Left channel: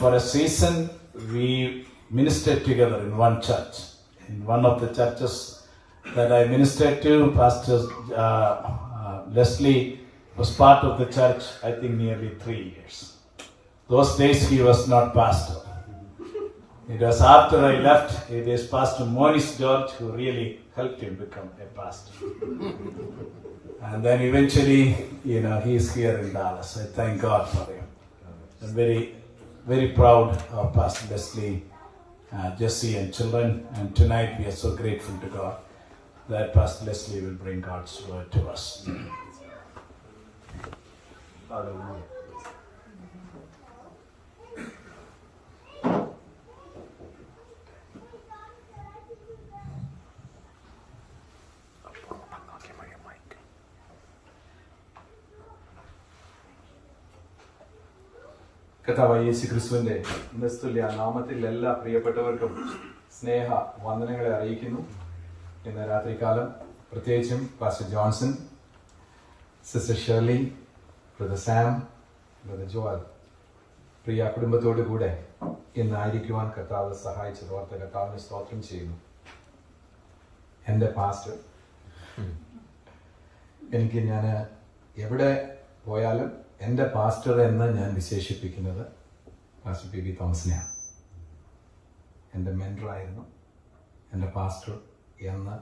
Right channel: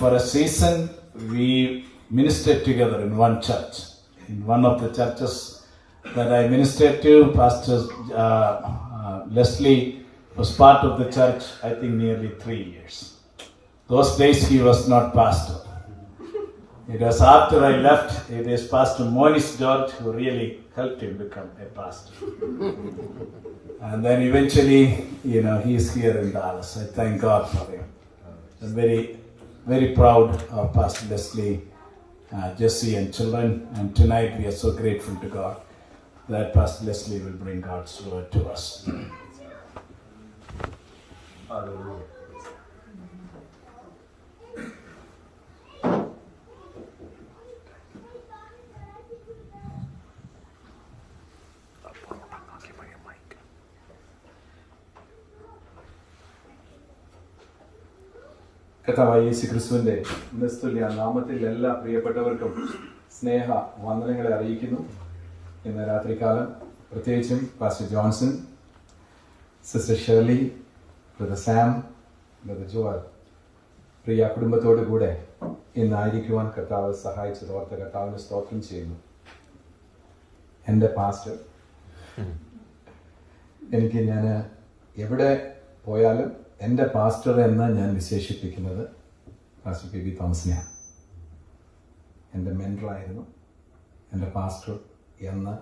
For a season, we ministered together in one church. In one of the churches that I ministered to, Pastor Leslie was part of the church, I think nearly 3 years. Those days he was not pastor. It was after I left, it is Pastor Monis George who really helped him become a pastor. And then eventually, he is here in Dallas. I thank God for him. I'm very, very proud of Pastor Leslie, Jesse and children. And tonight we are so grateful to God that Pastor Leslie will bring God's word to us. Hallelujah. കർത്താവായ യേശുക്രിസ്തുവിന്റെ നിസ്തുല്യ നാമത്തിൽ എല്ലാ പ്രിയപ്പെട്ടവർക്കും സ്നേഹ വന്ദനങ്ങളെ അറിയിക്കുന്നു. ഇന്ന് രാത്രികാലം പ്രത്യേകിച്ചും pastor Johnson, sister Shirley, brother Sam, brother Joel, പ്രിയ കുടുംബത്തോടു കൂടെ ഇന്നായിരിക്കുവാൻ കർത്താവ് സഹായിച്ചതോർത്ത് കർത്താവിന് സ്തോത്രം ചെയ്യുന്നു. എൻ്റെ പാസ്റ്റർ, ഞാൻ എവിടെ പോയാലും എൻ്റെ പാസ്റ്റർ എന്ന് ഞാൻ വിശേഷിപ്പിക്കുന്നത് പാസ്റ്റർ പി ബി തോമസിനെയാണ്. എൻ്റെ മെൻറ്ററായിരുന്നു, എൻ്റെ പാസ്റ്റർ എന്ന്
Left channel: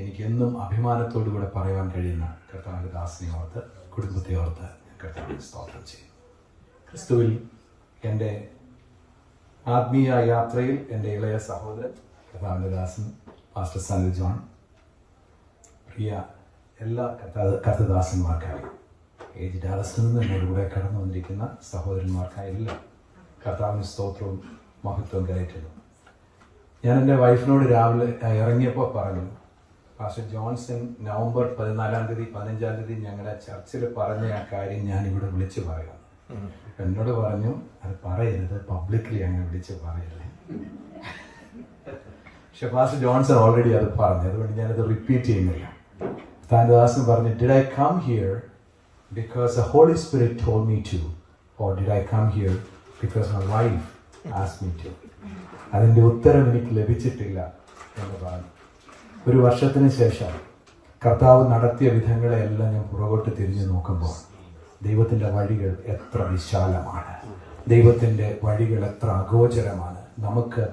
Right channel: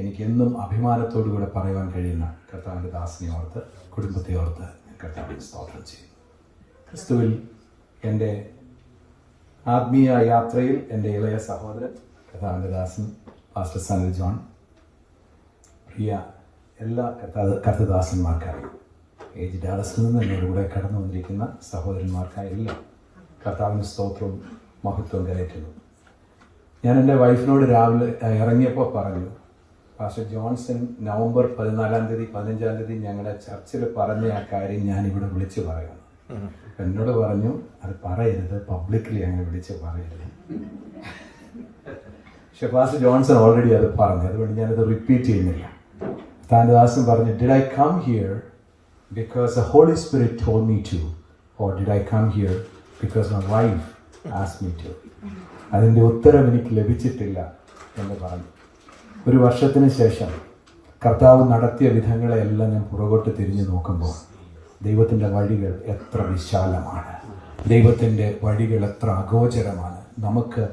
എനിക്കെന്നും അഭിമാനത്തോടുകൂടെ പറയുവാൻ കഴിയുന്ന കർത്താവിൻ്റെ ദാസിനെ ഓർത്ത്, കുടുംബത്തെ ഓർത്ത് ഞാൻ കർത്താവിന് സ്തോത്രം ചെയ്യുന്നു. ക്രിസ്തുവിൽ എൻ്റെ ആത്മീയ യാത്രയിൽ എൻ്റെ ഇളയ സഹോദരൻ കർത്താവിൻ്റെ ദാസൻ പാസ്റ്റർ സനിൽ ജോൺ, പ്രിയ എല്ലാ കർത്തദാസന്മാർക്കായി ഏജ് ഡാലസിൽ നിന്ന് എന്നോട് കൂടെ കടന്നു വന്നിരിക്കുന്ന സഹോദരന്മാർക്കായി എല്ലാം കർത്താവിന് സ്തോത്രവും മഹത്വവും കരയറ്റുന്നു. ഞാൻ എൻ്റെ വൈഫിനോട് രാവിലെ ഇറങ്ങിയപ്പോൾ പറഞ്ഞു, പാസ്റ്റർ ജോൺസൺ നവംബർ 14 തീയതി 15 തീയതി ഞങ്ങളുടെ ചർച്ചിൽ പറഞ്ഞ ആ കാര്യം ഞാൻ ഇവിടെ വിളിച്ചു പറയുന്നു. എന്നോട് പറഞ്ഞു, അത് പറയരുത്, പബ്ലിക്കലി അങ്ങനെ വിളിച്ച് പറയരുത്. പക്ഷെ പാസ്റ്റർ ജോൺസൺ ഓൾറെഡി അത് പറഞ്ഞു, അതുകൊണ്ട് ഞാനത് റിപ്പീറ്റ് ചെയ്യുന്നില്ല. താൻ ദാസൻ പറഞ്ഞു, did I come here because the Holy Spirit told me to, or did I come here because my wife asked me to? അതിൻ്റെ ഉത്തരം എനിക്ക് ലഭിച്ചിട്ടില്ല എന്ന് പറഞ്ഞു. ഒരു വർഷത്തിന് ശേഷം കർത്താവ് നടത്തിയ വിധങ്ങളെല്ലാം ഞാൻ പുറകോട്ട് തിരിഞ്ഞു നോക്കുമ്പോൾ ദൈവത്തിൻ്റെ വഴികൾ എത്ര വിശാലമാണ്, ദൈവത്തിൻ്റെ വഴികൾ എത്ര അഗോചരമാണ്, നമുക്ക്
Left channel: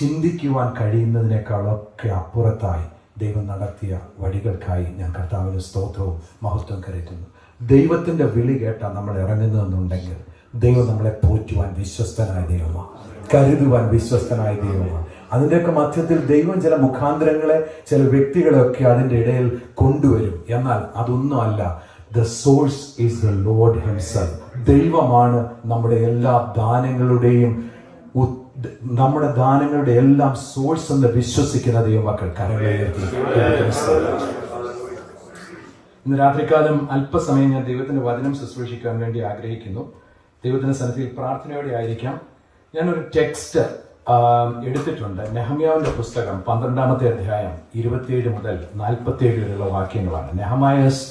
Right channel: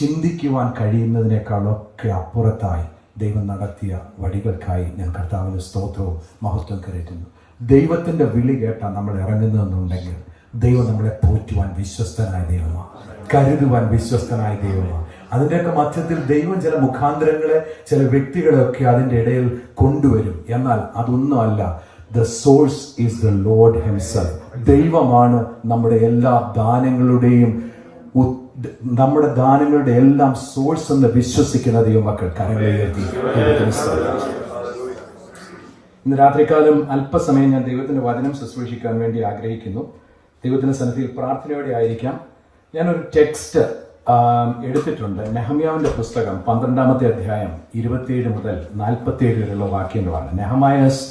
ചിന്തിക്കുവാൻ കഴിയുന്നതിനേക്കാളൊക്കെ അപ്പുറത്തായി ദൈവം നടത്തിയ വഴികൾക്കായി ഞാൻ കർത്താവിന്റെ സ്തോത്രവും മഹത്വം കരയറ്റുന്നു. ദൈവത്തിന്റെ വിളി കേട്ടാൽ നമ്മൾ ഇറങ്ങുന്നതെന്നുണ്ടെങ്കിൽ ദൈവം നമ്മളെ പോറ്റുവാൻ വിശ്വസ്തനായ ദൈവമാണ്, കരുതുവാൻ വിശ്വസ്തനായ ദൈവമാണ്. അതിൻ്റെയൊക്കെ മധ്യത്തിൽ ദൈവം ചില മുഖാന്തരങ്ങളെ, ചില വ്യക്തികളെയൊക്കെ അതിൻ്റെ ഇടയിൽ കൊണ്ടുവരും. എന്നാൽ അതൊന്നുമല്ല, the source is the Lord himself. ദൈവമാണ് നമ്മുടെ എല്ലാ ദാനങ്ങളുടെയും എല്ലാം സോഴ്സ് എന്ന് വിശ്വസിക്കുന്ന ദൈവമക്കൾ കരങ്ങളെ ഉയർത്തി ഇന്ന് രാത്രികാലം അല്പസമയം ഞാൻ ദൈവത്തിന്റെ വചനം ശുശ്രൂഷിക്കാൻ വേണ്ടി ആഗ്രഹിക്കുന്നു. ദൈവത്തിന്റെ സന്നിധിയിൽ പ്രാർത്ഥനയോടെ ആയിരിക്കാം. ഞാനൊരു ടെക്സ്റ്റ് എടുത്തിട്ടുണ്ട്. നെഹമ്യാവിന്റെ പുസ്തകം 12-ാമത്തെ അധ്യായം 27 മുതൽ 47 വരെയുള്ള വാക്യങ്ങളാണ്. നെഹമായസ്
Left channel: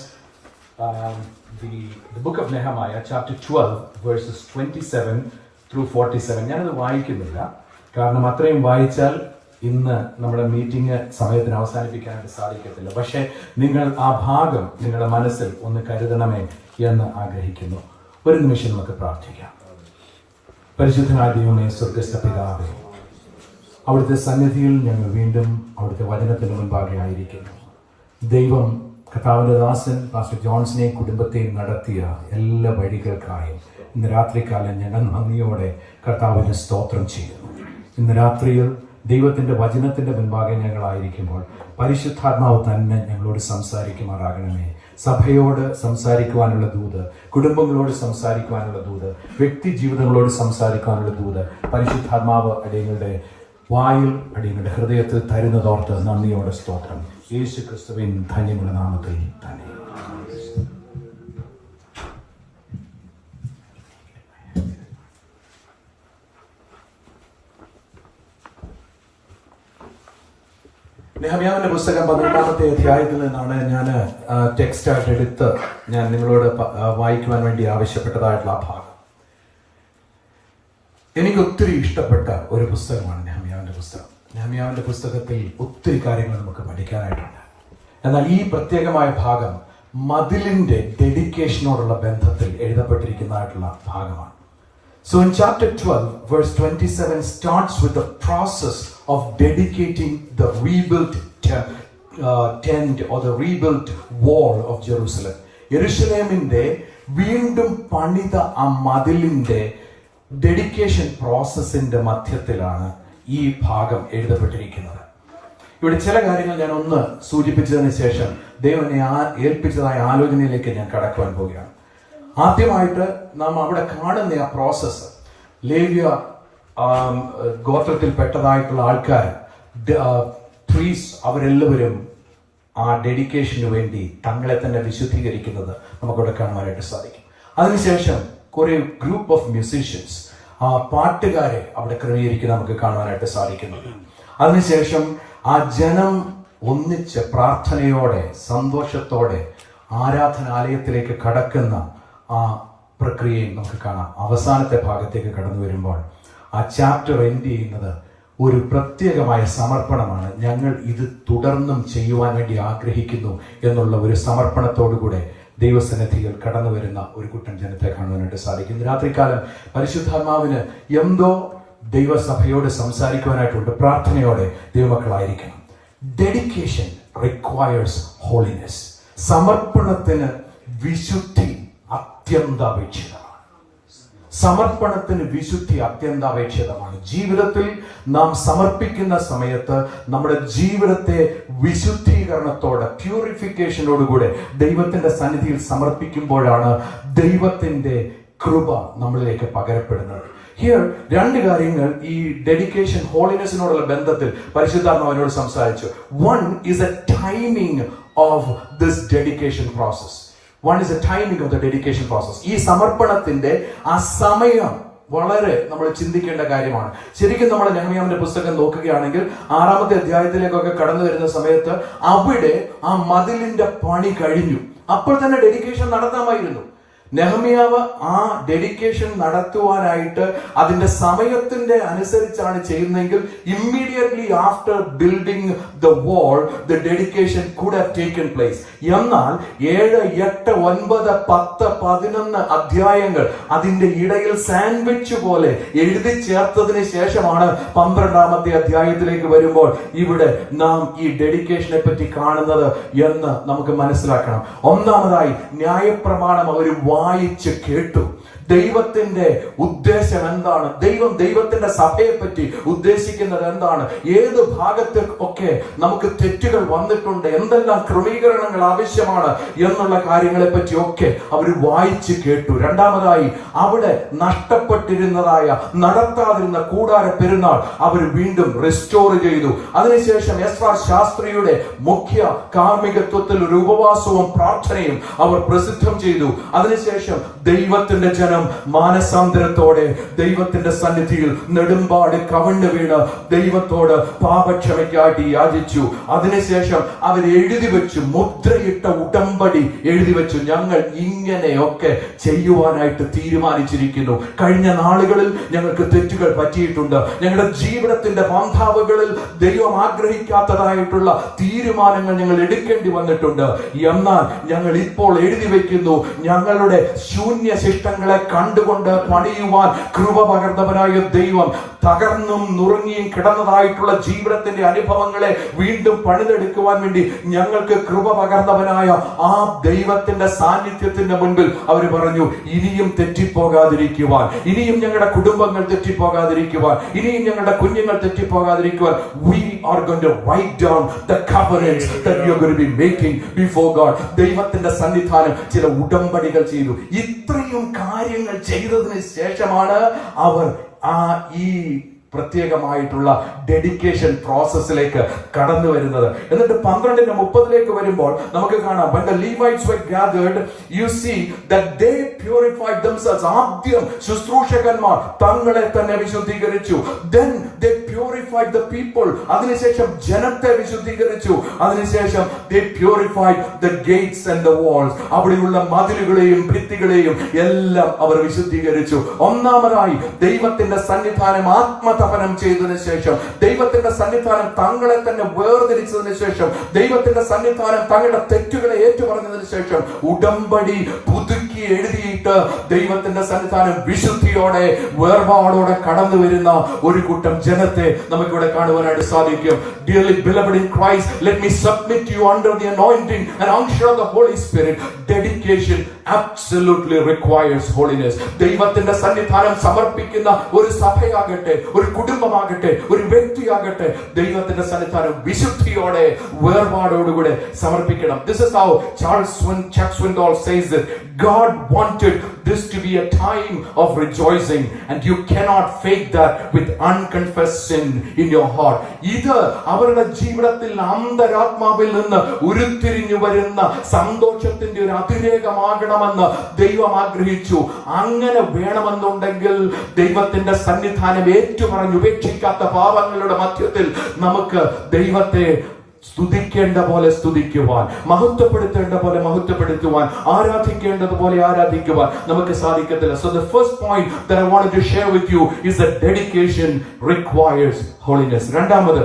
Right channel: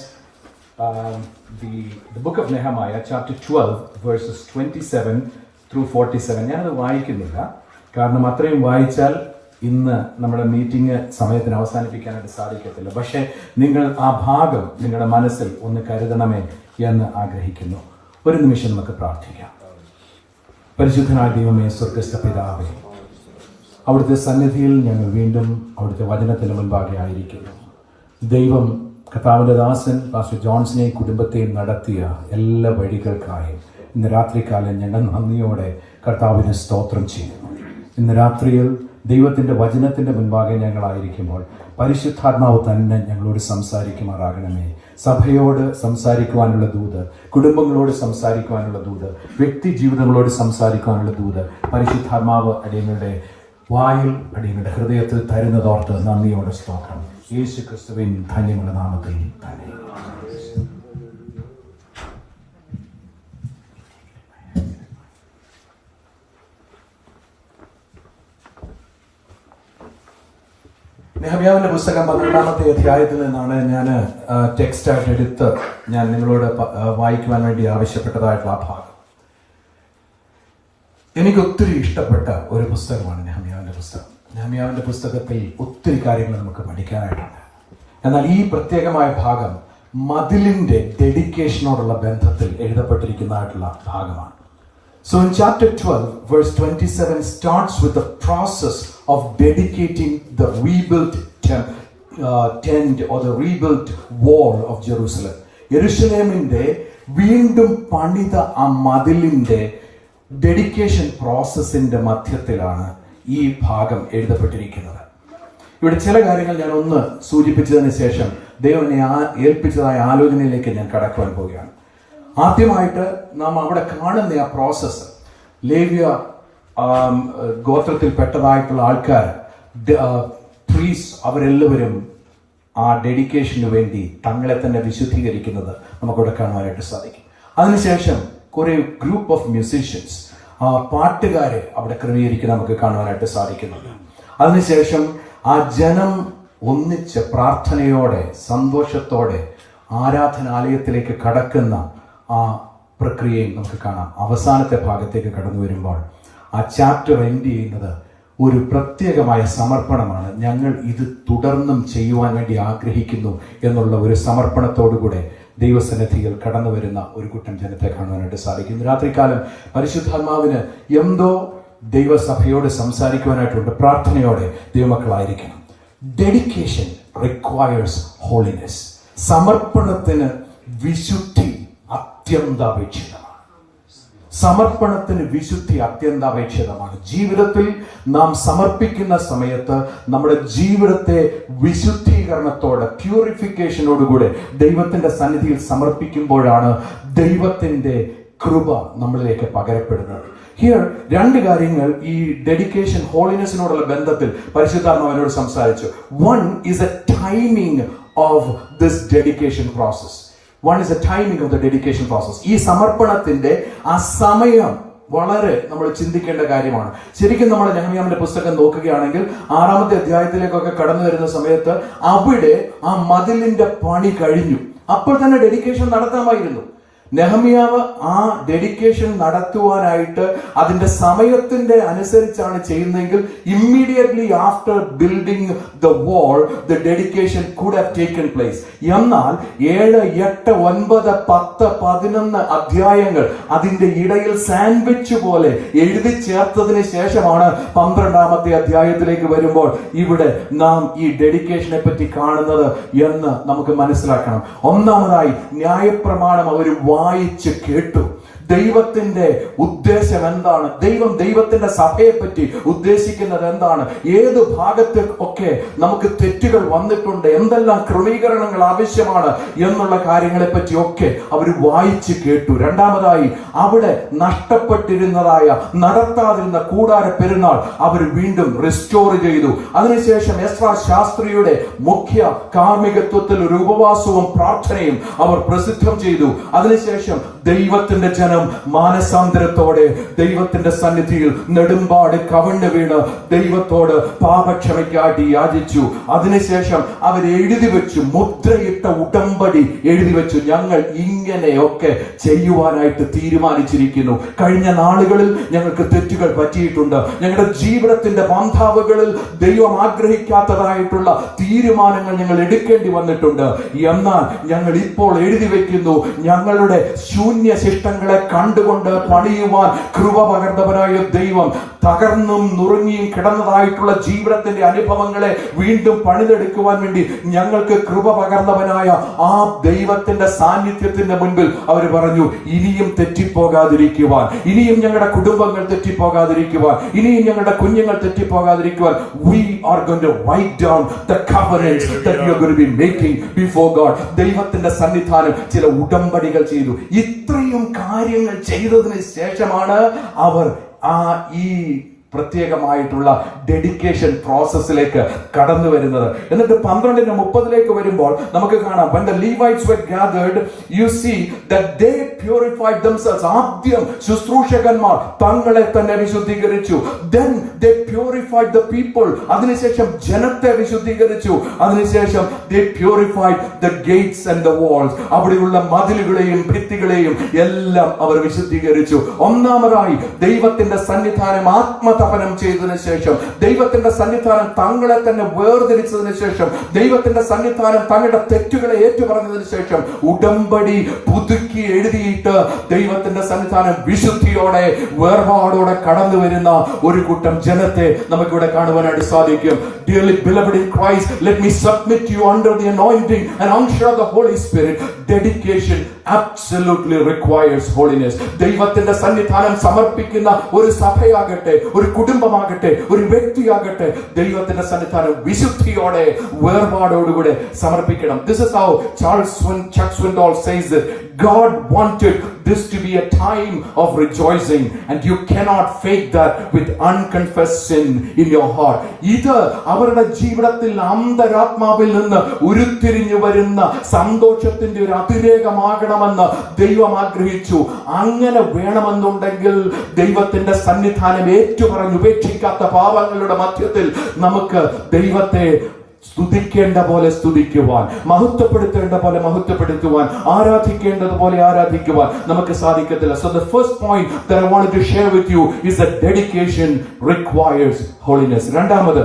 the book of Nehemiah, chapter 12, verses 27 through 47. ഞാനത് വായിക്കുന്നില്ല, കാരണം അത്രയും വായിച്ചാൽ ഇന്ന് നമ്മുടെ മീറ്റിംഗ് സമയത്തിന് അവസാനിപ്പിക്കാനായിട്ട് സാധിക്കത്തില്ല. പക്ഷെ നിങ്ങൾ ആ ഭാഗം നിങ്ങളുടെ മനസ്സിൽ ഒന്ന് കരുതണമേ എന്ന് ആഗ്രഹിക്കുന്നു. ഒരു നിമിഷം നമുക്ക് പ്രാർത്ഥിക്കാം. പരിശുദ്ധനായ ദൈവമേ, സ്വർഗ്ഗസ്ഥ പിതാവേ, അവിടുത്തെ സന്നിധിയിൽ ഞങ്ങൾ വീണ്ടും അവിടുത്തെ വചനത്തിന് മുൻപാകെ ആയിരിക്കുന്നു. ദൈവം കർത്താവിന്റെ ദാസൻ പാസ്റ്റർ ജോൺസനെയും കുടുംബത്തെയും നടത്തിയ എല്ലാ വഴികൾക്കായും ഇന്ന് രാത്രികാലം ഞങ്ങൾ നന്ദിയോടെ കർത്താവിന് സ്തോത്രം ചെയ്യുന്നു. ഇന്ന് രാത്രിയിൽ ദൈവത്തിന്റെ വചനത്തിന്റെ മുൻപാകെ ഞങ്ങളായിരിക്കുമ്പോൾ പരിശുദ്ധാത്മാവ് തന്നെ ഞങ്ങളോട് സംസാരിക്കുമാറാകണമേ. സഭയോട് സംസാരിക്കുവാനുള്ള ദൂത്, കുടുംബങ്ങളോട് സംസാരിക്കുവാനുള്ള ദൂത്, വ്യക്തി ജീവിതങ്ങളോട് സംസാരിക്കുവാനുള്ള ദൂത് പരിശുദ്ധാത്മാവ് അടിയങ്ങളുടെ വായിൽ, അടിയങ്ങളുടെ ഹൃദയത്തിൽ തരുന്നതോർത്ത് നന്ദിയോടെ സ്തോത്രം. യേശു ക്രിസ്തുവിൻ ധന്യമുള്ള നാമത്തിൽ തന്നെ. നെഹമ്യാവിന്റെ പുസ്തകം 12-ാമത്തെ അധ്യായത്തിൽ നിന്നാണ് ഞാൻ ടെക്സ്റ്റായിട്ട് എടുത്ത് ഞാൻ നിങ്ങളോട് വായിക്കുവാൻ വേണ്ടി ആവശ്യപ്പെട്ടതായിട്ടുള്ള ആ ഭാഗം. എനിക്ക് ഒത്തിരി ഇഷ്ടപ്പെട്ട ഒരു പുസ്തകമാണ് നെഹമ്യാവിന്റെ പുസ്തകം. നെഹമ്യാവിന്റെ പുസ്തകത്തിൽ ഒത്തിരി കാര്യങ്ങൾ നമുക്ക് പഠിക്കാനായിട്ടുണ്ട്. എന്നാൽ ഈ പ്രത്യേകമായ ഭാഗം മതിലിന്റെ ഡെഡിക്കേഷനോടുള്ള ബന്ധത്തിൽ എഴുതപ്പെട്ടിരിക്കുന്നതായിട്ടുള്ള ഭാഗമാണ്. So in chapter 12, verse 27 starts with the process of dedicating the rebuilt tent or the rebuilt wall of Jerusalem. യെരുശലേമിന്റെ വീണ്ടും പണിത ആ മതിലിന്റെ ഡെഡിക്കേഷൻ പ്രോസസ്സിന്റെ മധ്യത്തിലാണ് ഈ ഭാഗം എഴുതപ്പെട്ടിരിക്കുന്നത്. ഇവിടെ ചില കാര്യങ്ങൾ ഞാൻ ഒന്ന് സൂചിപ്പിച്ചതിന് ശേഷം ദൈവം എന്നെ ഏൽപ്പിച്ചതായ ആലോചനയിലേക്ക് ഞാൻ കടക്കുവാൻ പോവുകയാണ്. ആദ്യമായിട്ട് നാം അവിടെ കാണുന്ന ആ പ്രോസസ്സ്, ലേവ്യ ഗോത്രത്തിൽപ്പെട്ടതായിട്ടുള്ള ആൾക്കാർ, പ്രീസ്, അവരെല്ലാവരും ആ ഡെഡിക്കേഷന് വേണ്ടി തങ്ങളെ തന്നെ വിശുദ്ധീകരിക്കുന്നത് നമുക്കിവിടെ കാണുവാനായിട്ട് സാധിക്കും. അതിനുശേഷം കുറെ ഗ്രൂപ്പ് ഓഫ് മ്യൂസീഷ്യൻസ്, പാട്ടുകാരെ അവിടെ ക്രമീകരിക്കുന്നത് നമുക്ക് കാണുവാനായിട്ട് സാധിക്കുന്നുണ്ട്. അതിനുശേഷം ആ ജനം ഒന്നിച്ച് പ്രാർത്ഥനയോടെ സന്തോഷത്തോടെ ആരാധനാലയത്തിലേക്ക് കടക്കുന്ന ആ പ്രക്രിയയും നമുക്ക് കാണാം. അവസാനത്തെ ഭാഗത്തേക്ക് കടന്നു വരുമ്പോൾ ആ ചാപ്റ്റർ എൻഡ് ചെയ്യുന്നത് ഒരു പ്രത്യേകമായ സമർപ്പണമാണ്. ഞങ്ങൾ ഇത് തുടർന്നും ചെയ്യുവാൻ വേണ്ടി ആഗ്രഹിക്കുന്നു എന്നുള്ള ഒരു സമർപ്പണത്തോടുകൂടെ ദൈവസന്നിധിയിൽ കടന്നു വരുന്ന ഒരു കൂട്ടം ജനത്തെ കാണുവാനായിട്ട് സാധിക്കും. രാത്രികാലം പരിശുദ്ധാത്മാവിന് എന്തോ ദൈവസഭയോട് സംസാരിക്കുവാനായിട്ടുണ്ട്. പ്രാർത്ഥനയോടെ ദൈവമക്കളായിരിക്കണം. Dedication requires holiness. സമർപ്പണത്തിന് വിശുദ്ധി അത്യന്താപേക്ഷിതമാണ്. സമർപ്പണത്തിന് വിശുദ്ധി അത്യന്താപേക്ഷിതമാണ്. ജീവിതത്തിൽ നാം സമർപ്പിക്കുന്ന സമയത്ത് നമ്മുടെ ജീവിതത്തെ വിശുദ്ധീകരണത്തോടെ, പ്യൂരിഫിക്കേഷനോടുകൂടെ ദൈവത്തിന്റെ സന്നിധിയിൽ സമർപ്പിക്കുമ്പോഴാണ് ദൈവത്തിന്റെ കൃപ നമ്മളിലേക്ക് പകരപ്പെടുന്നത്. ഹിയർ രണ്ട് കാര്യങ്ങൾ ഈ ഡെഡിക്കേഷൻ ഹോളിനെസിനോടുള്ള ബന്ധത്തിൽ പരിശുദ്ധാത്മാവിനോട് സംസാരിച്ചു. One is A timing of this dedication process. One is the timing of the dedication process. ഈ സമർപ്പണത്തിന്റെ ആ സമയം വളരെ നമ്മൾ ചിന്തിക്കേണ്ട കാര്യമാണ്. ശരിക്കും നമ്മൾ നെഹമ്യാവിന്റെ പുസ്തകം നോക്കുകയാണെങ്കിൽ 6-ാമത്തെ അധ്യായത്തിലേക്കൊക്കെ കടന്നു വരുന്ന സമയത്ത് അവിടെ ആ മതിലിന്റെ പണി കഴിഞ്ഞു. അപ്പോൾ തന്നെ ഡെഡിക്കേഷൻ നടത്താമായിരുന്നു. നെഹമ്യാവ് ആ ഡെഡിക്കേഷൻ നടത്തുവാനായിട്ട് അതിന്റെ സമയത്തിന്റെ അനുസരിച്ചാണ് ചെയ്യുന്നതെങ്കിൽ immediately after building the wall the dedication could have taken place. എന്നാൽ 7, 8, 9, 10, 11 അധ്യായങ്ങൾ അതിന്റെ ഇടയിൽ സാൻഡ്വിച്ച് പോലെ എഴുതി ചേർത്തതിന് ശേഷമാണ് 12-ാമത്തെ അധ്യായത്തിലേക്ക് വരുമ്പോൾ ഇവിടെ നാം ഈ ഡെഡിക്കേഷനെ പറ്റി കാണുന്നത് എന്ന് നമുക്ക് മനസ്സിലാക്കണം. ഒന്നാമതായി ന്യായപ്രമാണം അവർ വായിച്ച് കേട്ടു. ദൈവത്തിന്റെ ഉദ്ദേശം എന്താണ്, ദൈവത്തിന്റെ സഭയെ പറ്റി ഉദ്ദേശിക്കുന്നത് എന്താണ്, ഏത് ഭാഗത്ത് ഒക്കെ നമുക്ക് തെറ്റുകൾ വന്നിട്ടുണ്ട്, എന്തെല്ലാം ക്രമീകരണങ്ങൾ ആവശ്യമാണ് എന്നുള്ള കാര്യങ്ങളെ പറ്റിയൊക്കെ അവർ വായിച്ച് കേട്ടു. രണ്ടാമതായി അവിടെ നഷ്ടപ്പെട്ടിരുന്നതായ നടത്താതിരുന്ന കൂടാര പെരുന്നാൾ അവർ വീണ്ടും റെസ്റ്റോർ ചെയ്തു. അതിനുശേഷം എസ്രാ ശാസ്ത്രിയുടെ മുഖ്യ കാർമ്മികത്വത്തിൽ ഒരു ഉപവാസവും പ്രാർത്ഥനയും അവർ പ്രസിദ്ധം ചെയ്തു. അതിനുശേഷം ദൈവത്തിന്റെ ജനം മാനസാന്തരത്തോടെ ദൈവത്തിന്റെ സന്നിധിയിൽ നെടുമ്പാട് കവിണ്ണു വീണ് ദൈവത്തോട് പാപക്ഷമയ്ക്കായിട്ട് യാചിച്ചു. അതിനുശേഷം അവർ എഴുതി വെച്ചു, മുദ്രയിട്ട ഉടമ്പടി എഴുതി വെച്ചു. ഞങ്ങൾ ഇങ്ങനെയൊക്കെ ചെയ്യുവാനായിട്ട് തീരുമാനിച്ചിരിക്കുന്നു. കഴിഞ്ഞ നാളുകളിൽ ഞങ്ങൾക്ക് തെറ്റുകൾ പറ്റിയിട്ടുണ്ട്. ഞങ്ങളുടെ ജീവിതത്തിന്റെ പന്ഥാവുകളിൽ ദൈവം ആഗ്രഹിക്കാത്തതായിട്ടുള്ള തീരുമാനങ്ങൾ ഞങ്ങൾ എടുക്കേണ്ടി വന്നിട്ടുണ്ട്. എന്നാൽ ഞങ്ങൾ ഇപ്പോൾ എഴുതി വെക്കുന്നു, ഞങ്ങളുടെ ശൂന്യശിഷ്ടങ്ങളെ കണ്ടുകൊണ്ട് പണിയുവാൻ കൃപ പകർന്നവനായ ദൈവം തകർന്നും നുറുങ്ങിയും കിടന്നതായിട്ടുള്ള ജീവിതത്തിന്റെ അനുഭവങ്ങളെ വീണ്ടും പണിതെടുക്കുവാൻ വേണ്ടി ഞങ്ങൾക്ക് കൃപ പകർന്നവനായ ആ ദൈവത്തിന്റെ സാന്നിധ്യത്തിന്റെ മുൻപിൽ അവർ പറഞ്ഞു, ഇനിയും തെറ്റിപ്പോകാതിരിക്കുവാൻ, ഇനിയും ഞങ്ങളുടെ കുടുംബങ്ങൾ തെറ്റിപ്പോകാതിരിക്കുവാൻ, ഇനിയും ഞങ്ങളുടെ കുഞ്ഞുങ്ങൾ തെറ്റിപ്പോകാതിരിക്കുവാൻ we are going to write down the covenants that we are going to be making before God. ദൈവത്തിന്റെ സന്നിധാനം ചില ഉടമ്പടികൾ ചെയ്തു. ഇത്രയും കാര്യങ്ങൾ ചെയ്തതിന് ശേഷമാണ് അവർ ഈ പ്രത്യേകമായിട്ടുള്ള ഡെഡിക്കേഷൻ പ്രോസസ്സിലേക്ക് കടന്നു വരുന്നത്. എന്നിട്ട് 12:30 വരുമ്പോൾ നമുക്ക് കാണാം, when the Levites were gathered, you see that they purified themselves. ആദ്യം ശുശ്രൂഷകന്മാർ തങ്ങളെ തന്നെ വിശുദ്ധീകരിച്ചു. Then they purified the people. അതിനുശേഷം ജനത്തെ വിശുദ്ധീകരിച്ചു. അതിനുശേഷം they purified the gates and the walls. അവിടെയുള്ള മതിലുകളെയും ഭിത്തികളെയും എല്ലാം അവർ വിശുദ്ധീകരിച്ചു. ഒന്നാമതായി ദൈവത്തിന്റെ സന്നിധാനം ആത്മതപനം ചെയ്തതിനു ശേഷം, ദൈവത്തിന്റെ സന്നിധാനം തങ്ങളെ തന്നെ വേർതിരിച്ചതിനു ശേഷം, ദൈവത്തിന്റെ സന്നിധാനം തങ്ങളുടെ തെറ്റുകളെ ഏറ്റുപറഞ്ഞതിനു ശേഷം ഉടമ്പടി പുതുക്കി എഴുതിയിട്ട് ദൈവത്തിന്റെ സന്നിധാനം വിശുദ്ധിയോടെ വേർപാടോടെ കടന്നു വരുന്ന ഒരു കൂട്ടം ജനത്തെ നമുക്കിവിടെ കാണുവാനായിട്ട് സാധിക്കും. Dearly beloved in Christ, let me submit you under the anointing and unction of the Holy Spirit. Dedication absolutely requires holiness. ദൈവത്തിന്റെ സന്നിധാനം സമർപ്പിക്കുന്ന ഒരു സഭയാകട്ടെ, ഒരു കുടുംബമാകട്ടെ, ഒരു വ്യക്തിയാകട്ടെ, ദൈവത്തിന്റെ സന്നിധാനം വിശുദ്ധിയോടെ വേർപാടോടുകൂടെ സമർപ്പിക്കണം. This is how Chuck Swindoll says it. God wanted this to be a time of rejoicing, and you cannot fake that with unconfessed sin in your heart. ഇത് അവരുടെ ജീവിതത്തിൽ അന്തരാത്മാവിൽ നിന്ന് ഉരുത്തിരിഞ്ഞു വരുന്ന സന്തോഷത്തിന്റെ ഒരു അതിരേകമാകണമെന്ന് ദൈവം ആഗ്രഹിച്ചു. അങ്ങനെ വേണമെന്നുണ്ടെങ്കിൽ ദൈവത്തിന്റെ സന്നിധാനം ഏറ്റുപറഞ്ഞ് ഉപേക്ഷിക്കാത്ത പാപങ്ങളുടെ മധ്യത്തിൽ നമുക്ക് ദൈവത്തെ സ്തുതിക്കേണ്ട പോലെ സ്തുതിക്കുവാൻ, മഹത്വപ്പെടുത്തേണ്ട പോലെ മഹത്വപ്പെടുത്തുവാൻ, ആരാധിക്കേണ്ടതുപോലെ ആരാധിക്കുവാൻ നമുക്ക് സാധിക്കത്തില്ല. So the first point that I wanted to share with you is that dedication requires holiness. രണ്ടാമത്,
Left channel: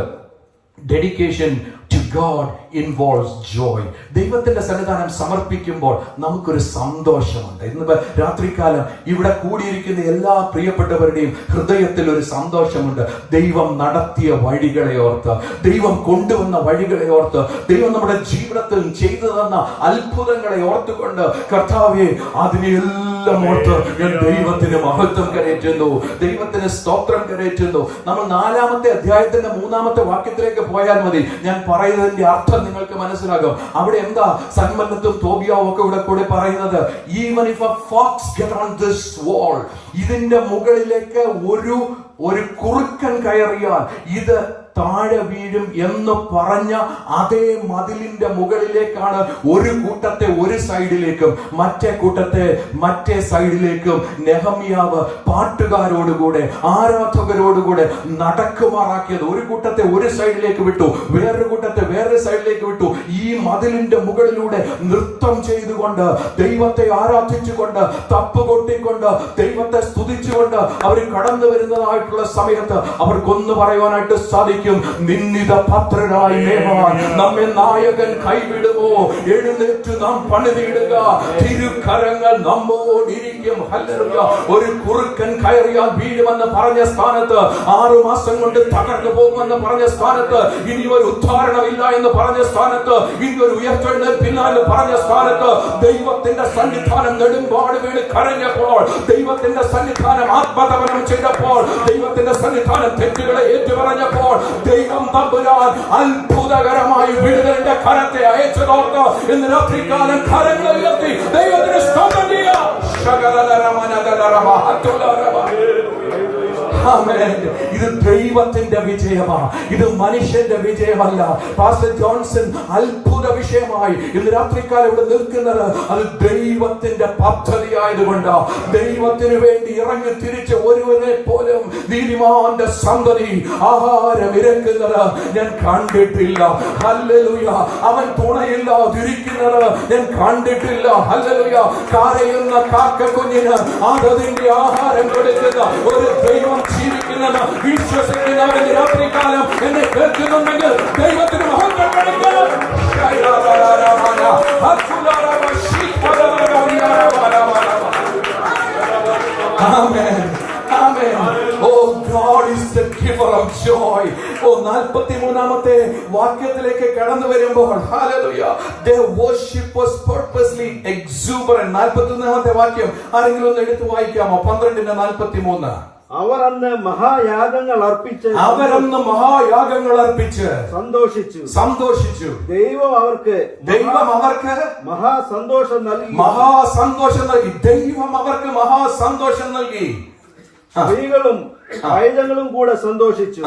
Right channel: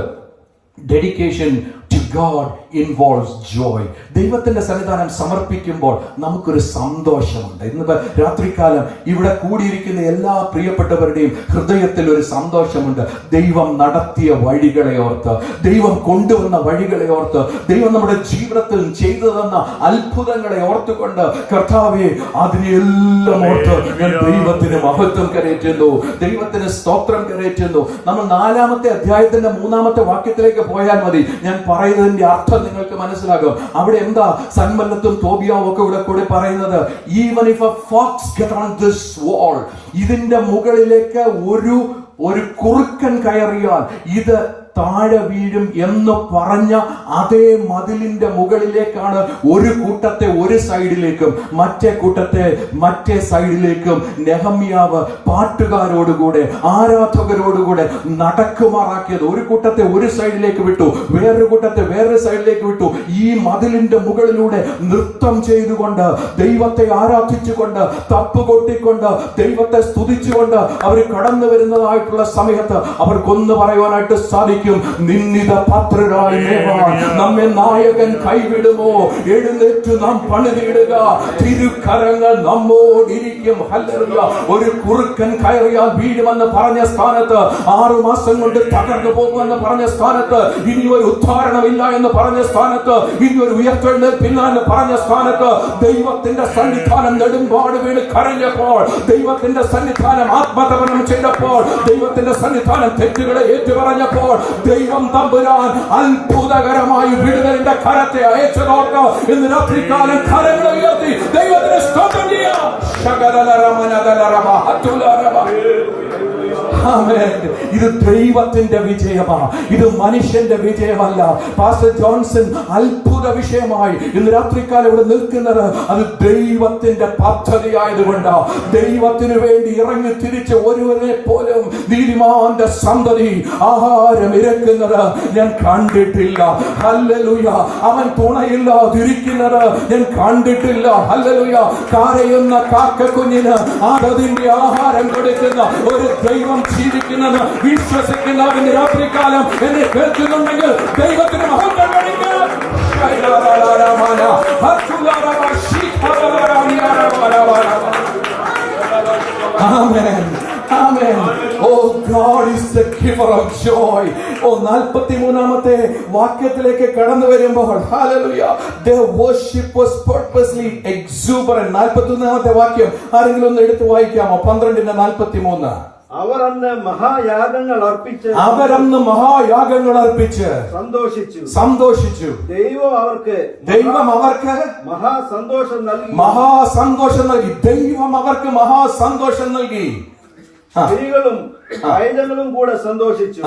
dedication to God involves joy. ദൈവത്തിന്റെ സന്നിധാനം സമർപ്പിക്കുമ്പോൾ നമുക്കൊരു സന്തോഷമുണ്ട്. ഇന്ന് രാത്രികാലം ഇവിടെ കൂടിയിരിക്കുന്ന എല്ലാ പ്രിയപ്പെട്ടവരുടെയും ഹൃദയത്തിൽ ഒരു സന്തോഷമുണ്ട്. ദൈവം നടത്തിയ വഴികളെ ഓർത്ത്, ദൈവം കൊണ്ടുവന്ന വഴികളെ ഓർത്ത്, ദൈവം നമ്മുടെ ജീവിതത്തിൽ ചെയ്തു തന്ന അത്ഭുതങ്ങളെ ഓർത്തുകൊണ്ട്, കർത്താവേ അതിനെല്ലാം ഓർത്ത് ഞാൻ ദൈവത്തിന് മഹത്വം കരയറ്റുന്നു, ദൈവത്തിന് സ്തോത്രം കരയറ്റുന്നു. നമ്മൾ 4-ാമത്തെ അധ്യായത്തിന്റെ 3-ാമത്തെ വാക്യത്തിലേക്ക് പോയാൽ മതി. ഞാൻ പറയുന്നതിന്റെ അർത്ഥം നിങ്ങൾക്ക് മനസ്സിലാകും. അവിടെ എന്താ സൻബല്ലത്തും തോബിയാവും ഒക്കെ കൂടെ പറയുന്നത്? Even if a fox get on this wall, ഇതിന്റെ മുകളിലേക്ക് ഒരു കുറുക്കൻ കയറിയാൽ ഇത് താഴെ വീഴും എന്ന് പറഞ്ഞ അതേ മതിലിന്റെ മുകളിലേക്കാണ് ഒരു കൂട്ടത്തെ ഒരു സൈഡിലേക്കും മറ്റേ കൂട്ടത്തെ മറ്റേ സൈഡിലേക്കും നെഹമ്യാവ് പാട്ടുകാരോടുകൂടെ ആരാധകരോടുകൂടെ നടക്കുമാറാക്കിയത്. ഒരു കൂട്ടത്തെ ഒരു സൈഡിലേക്ക് വിട്ടു, വേറൊരു കൂട്ടത്തെ വേറൊരു സൈഡിലേക്ക് വിട്ടു. ഈ മതിലിന്റെ മുകളിലൂടെ നൃത്തം ചെയ്തുകൊണ്ട്, ദൈവത്തെ ആരാധിച്ചുകൊണ്ട്, തപ്പുകൊട്ടിക്കൊണ്ട്, ദൈവത്തെ സ്തുതിച്ചുകൊണ്ട് അവർ കടന്നു വരുന്നതായിട്ടുള്ള സമയത്ത് അവർക്കൊന്ന് പറയുവാനായിട്ട് സാധിക്കും, നിന്നിത പാത്രരായ നമ്മെ നായകൻ കൈവിടുമോ, എഴുന്നേറ്റ് നാം പണിതിടുക, തിരുക്കരങ്ങൾ നമ്മോടിരിക്കും. ഹല്ലേലൂയ. ഒരു കുറുക്കൻ കയറിയാൽ വീഴുമെന്ന് പറഞ്ഞ സ്ഥാനത്ത്, 6 മാസം കൊണ്ട് തകർന്നു പോകുമെന്ന് പറഞ്ഞ സ്ഥാനത്ത്, ഇനി ഒരു ഉദ്ധാരണമില്ല എന്ന് പറഞ്ഞ സ്ഥാനത്ത്, ഇനി ഒരു ഉയർത്തെഴുന്നേൽപ്പില്ല എന്ന് പറഞ്ഞ സ്ഥാനത്ത്, ദൈവത്തിന്റെ സന്നിധാനം നെടുമ്പാട് വീണ് കരഞ്ഞപ്പോൾ, ദൈവത്തിന്റെ സന്നിധാനം ആത്മതപനം ചെയ്തപ്പോൾ, ദൈവത്തിന്റെ സന്നിധാനം തെറ്റുകളെ ഏറ്റുപറഞ്ഞപ്പോൾ, ദൈവം തമ്പുരാൻ അത്ഭുതകരമായി വിടുതലിന്റെ കരത്തെ അയച്ചതോർത്ത് ഇന്ന് രാത്രികാലം കരങ്ങൾ ഉയർത്തി ദൈവത്തിന് സ്തോത്രം ചെയ്യാം. ഇത് ദൈവത്തിന്റെ വിജയമാണ്, ഇത് മനുഷ്യന്റെ വിജയമല്ല. പാസ്റ്റർ ജോൺസൺ അത്ഭുത വിഷയമായി ഇന്ന് രാത്രിക്കാലം ഇവിടെ നിൽക്കുന്നത് അത് ദൈവത്തിന്റെ പദ്ധതിയായതുകൊണ്ട്, ദൈവത്തിന് വേണ്ടി ഇറങ്ങി തിരിച്ച് ഒരുവനെ പോലും നീതിമാന്റെ സന്തതി ആഹാരം ഇരക്കുന്നത് ഞാൻ കണ്ടിട്ടില്ല. ഹല്ലേലൂയ. അവൻ തുണയില്ലാതിരിക്കുന്നത് ഞാൻ കണ്ടിട്ടില്ല. ഹല്ലേലൂയ. കരയുന്ന കാക്കക്കുഞ്ഞിന് അതിന്റെ ആഹാരം കൊടുക്കുന്ന ഒരു ദൈവം ജീവിക്കുന്നത് വിശ്വസിക്കുന്നവൻ രാത്രികാലം എന്നെ കേൾക്കുന്നുണ്ടെങ്കിൽ ദൈവത്തിന് മഹത്വം കൊടുക്കുക. Amen. Amen. Oh, God is the giver of joy. 43-ാമത്തെ വാക്യത്തിലേക്ക് കടന്നു വരുമ്പോൾ, hallelujah, their worship was purposely exuberant. 41-ാമത്തെ വാക്യം ആരെങ്കിലും ഒന്ന് എടുത്ത് വായിക്കാമോ? 12:43. അവർ അന്ന് മഹായാഗങ്ങൾ അർപ്പിച്ച് സന്തോഷിച്ചു. ദൈവം അവർക്ക് മഹാസന്തോഷം നൽകി. ദൈവം അവർക്ക് മഹാസന്തോഷം നൽകി. സ്ത്രീകളും പൈതങ്ങളും കൂടെ സന്തോഷിച്ചു.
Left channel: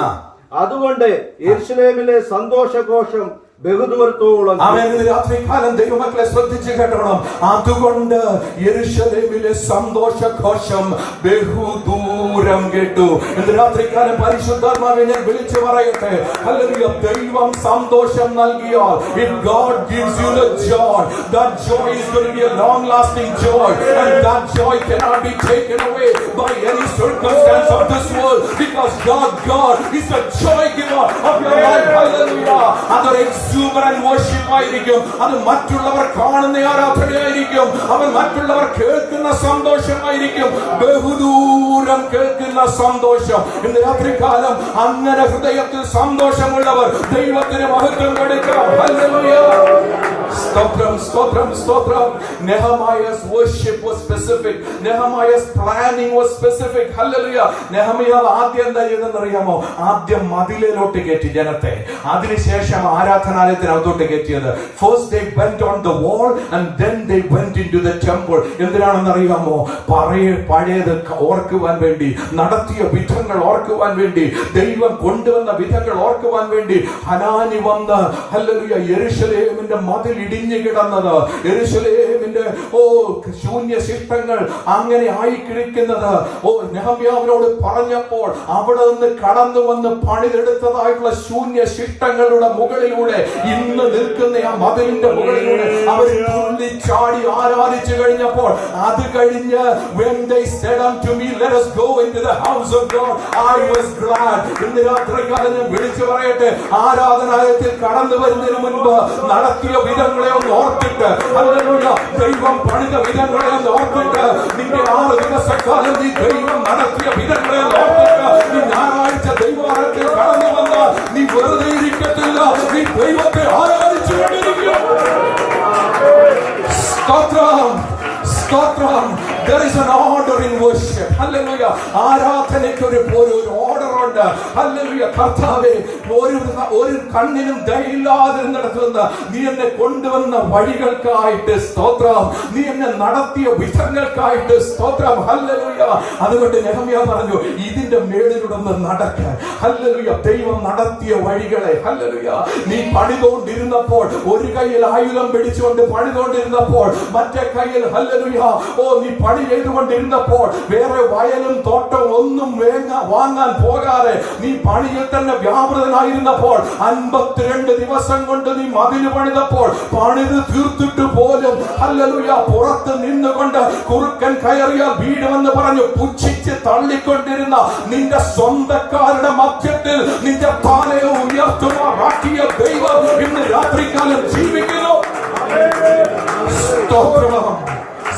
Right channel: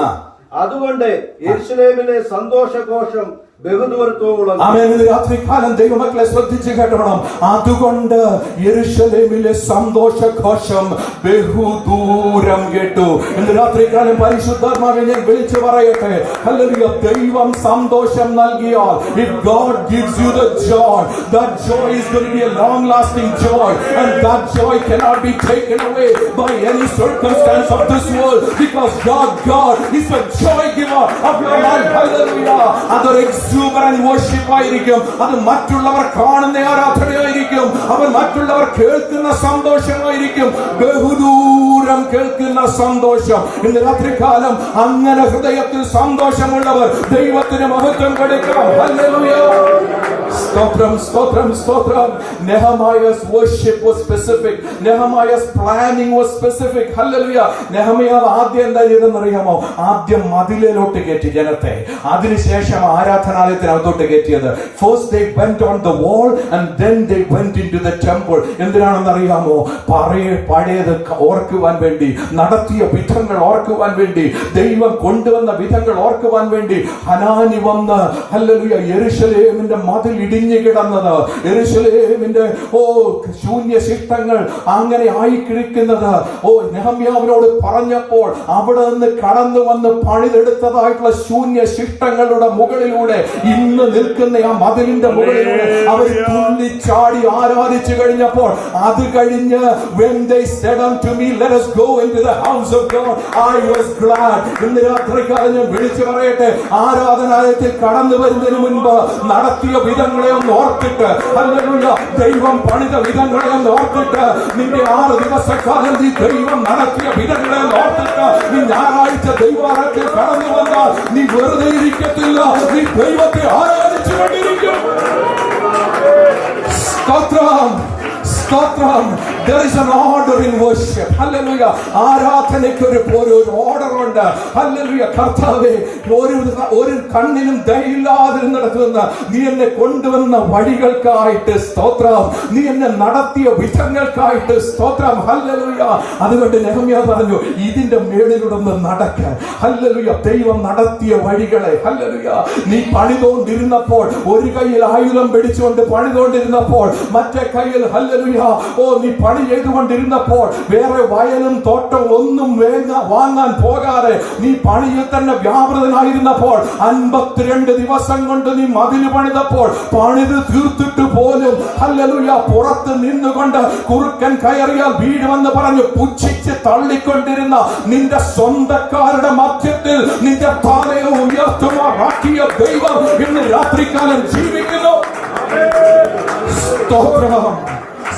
അതുകൊണ്ട് യെരൂശലേമിലെ സന്തോഷഘോഷം ബഹുദൂരത്തോളം. ആമേൻ. രാത്രികാലം ദൈവമക്കളെ ശ്രദ്ധിച്ചു കേട്ടോണം. അതുകൊണ്ട് യെരൂശലേമിലെ സന്തോഷഘോഷം ബഹുദൂരം കേട്ടു. ഇന്ന് രാത്രികാലം പരിശുദ്ധാത്മാവിനെ ഞാൻ വിളിച്ചു പറയട്ടെ, ഹല്ലേലൂയ, ദൈവം സന്തോഷം നൽകിയാൽ, if God gives you the joy, that joy is going to be a long lasting joy, and that joy cannot be taken away by any circumstance of this world, because God is the joy giver of your life. Hallelujah. അതൊരു exuberant worship ആയിരിക്കും. അത് മറ്റുള്ളവർ കാണുന്ന ആരാധനയായിരിക്കും. അവർ മറ്റുള്ളവർ കേൾക്കുന്ന സന്തോഷമായിരിക്കും. ബഹുദൂരം കേൾക്കുന്ന സന്തോഷം. ഇന്ന് രാത്രികാലം അങ്ങനെ ഹൃദയത്തിൽ സന്തോഷമുള്ളവർ ദൈവത്തിന് മഹത്വം കൊടുക്കാം. ഹല്ലേലൂയ. സ്തോത്രം, സ്തോത്രം, സ്തോത്രം. Nehemiah's worship was specific. Nehemiah's planning was specific. Hallelujah. നെഹമ്യാവ് ആദ്യം എന്താ ചെയ്തെന്നറിയാമോ? ആദ്യം മതിലിലോട്ട് കയറ്റി ജനത്തെ. അതിനുശേഷം ആരാധനാലയത്തിനകത്തോട്ട് കയറ്റിയത്. First they went on the wall and then they went into the temple. എന്തിനാണെന്നറിയാമോ? പഴയത് ഓർക്കുവാൻ വേണ്ടി, നടത്തിയ വിധങ്ങൾ ഓർക്കുവാൻ വേണ്ടി, ദൈവം കൊണ്ടുവന്ന വിധങ്ങൾ ഓർക്കുവാൻ വേണ്ടി. ഹനാനി വന്ന് ഹല്ലേലൂയ യെരൂശലേമിന്റെ മതിൽ ഇടിഞ്ഞു കിടന്നത്, യെരൂശലേമിന്റെ ശൂന്യ ശിഷ്ടങ്ങൾ അങ്ങനെ ആയിക്കിരിക്കുന്നത് നെഹമ്യാവിനോട് പറഞ്ഞപ്പോൾ അവിടെ നിന്ന് കടന്നു വന്ന് പണിതെടുത്തതായിട്ടുള്ള ശൂന്യ ശിഷ്ടങ്ങളുടെ മുകളിലൂടെ ഇന്ന് നിൽക്കുന്ന ആ മതിലിന്റെ മുകളിലൂടെ അവർ ചാടി ആരാധിച്ചു കഴിഞ്ഞപ്പോൾ അത് കഴിഞ്ഞ് when they said unto me, let us go into the house of God, I was glad. ഇന്ന് രാത്രികാലം ഞാൻ വിളിച്ചു പറയട്ടെ, ആരാധനാലയത്തിൽ കടന്നു വരുന്നതിന് മുൻപ് നടത്തിയ വിധങ്ങളെ ഒന്ന് ഓർത്തിട്ട്, ഹല്ലേലൂയ, ദൈവം പണിത വിധങ്ങളെ ഒന്ന് ഓർത്തിട്ട്, നിന്റെ 6 ദിവസക്കാലം നീ ദൈവം നടത്തിയ വിധങ്ങളെ ഒന്ന് ഓർത്തിട്ട്, നീ ഞായറാഴ്ച ദൈവാലയത്തിൽ കടന്നു വന്നാൽ നീ വെറുതെ ഇരിക്കത്തില്ല, നീ ദൈവത്തെ ആരാധിച്ചുകൊണ്ടിരിക്കും. സ്തോത്രം, സ്തോത്രം. There is an order in worship. Hallelujah. ആരാധനയ്ക്ക് ഒരു ഓർഡർ ഉണ്ട്. Hallelujah. കർത്താവേ, ഒരു കണ്ണിനും ദയയില്ലാതിരുന്നിടത്തുനിന്ന് നീ എന്നെ കൊണ്ടുവന്ന വഴികൾക്കായിട്ട് സ്തോത്രം. നീ എന്നെ നടത്തിയ വിധങ്ങൾക്കായിട്ട് സ്തോത്രം. Hallelujah. അതുകൊണ്ട് നെഹമ്യാ പറഞ്ഞു, ഇതിന്റെ മേളിലൂടെ ഒന്ന് നടക്കാൻ. Hallelujah. ദൈവം നടത്തിയ വഴികളെ. Hallelujah. നീ പണിതുകൊണ്ടിരുന്നപ്പോൾ ഒരു കയ്യിൽ ആയുധം പിടിച്ചുകൊണ്ട് പണിതുകൊണ്ടിരുന്നപ്പോൾ മറ്റേ കയ്യിൽ ഹല്ലേലൂയ നീ പണി ചെയ്തുകൊണ്ടിരുന്നപ്പോൾ വേറെ വയലും തോട്ടവും ഒന്നും വാങ്ങാൻ പോകാതെ നീ പണിയിൽ തന്നെ വ്യാപൃതനായിരുന്നപ്പോൾ 52 ദിവസം കൊണ്ട് നീ മതില് പണിതപ്പോൾ പണിത് തീർത്തിട്ട് പോലും ഹല്ലേലൂയ പുറത്ത് നിന്നുകൊണ്ട് കുറുക്കൻ കയറിയാൽ വീഴുമെന്ന് പറഞ്ഞു പുച്ഛിച്ച് തള്ളിക്കൊണ്ടിരുന്ന നിന്റെ സ്വന്തക്കാരുടെ മധ്യത്തിൽ നിന്റെ തലയെ ഉയർത്തുമാറാക്കിയ ദൈവം ഇന്ന് രാത്രികാലം ജീവിക്കുന്നു. സ്തോത്രം,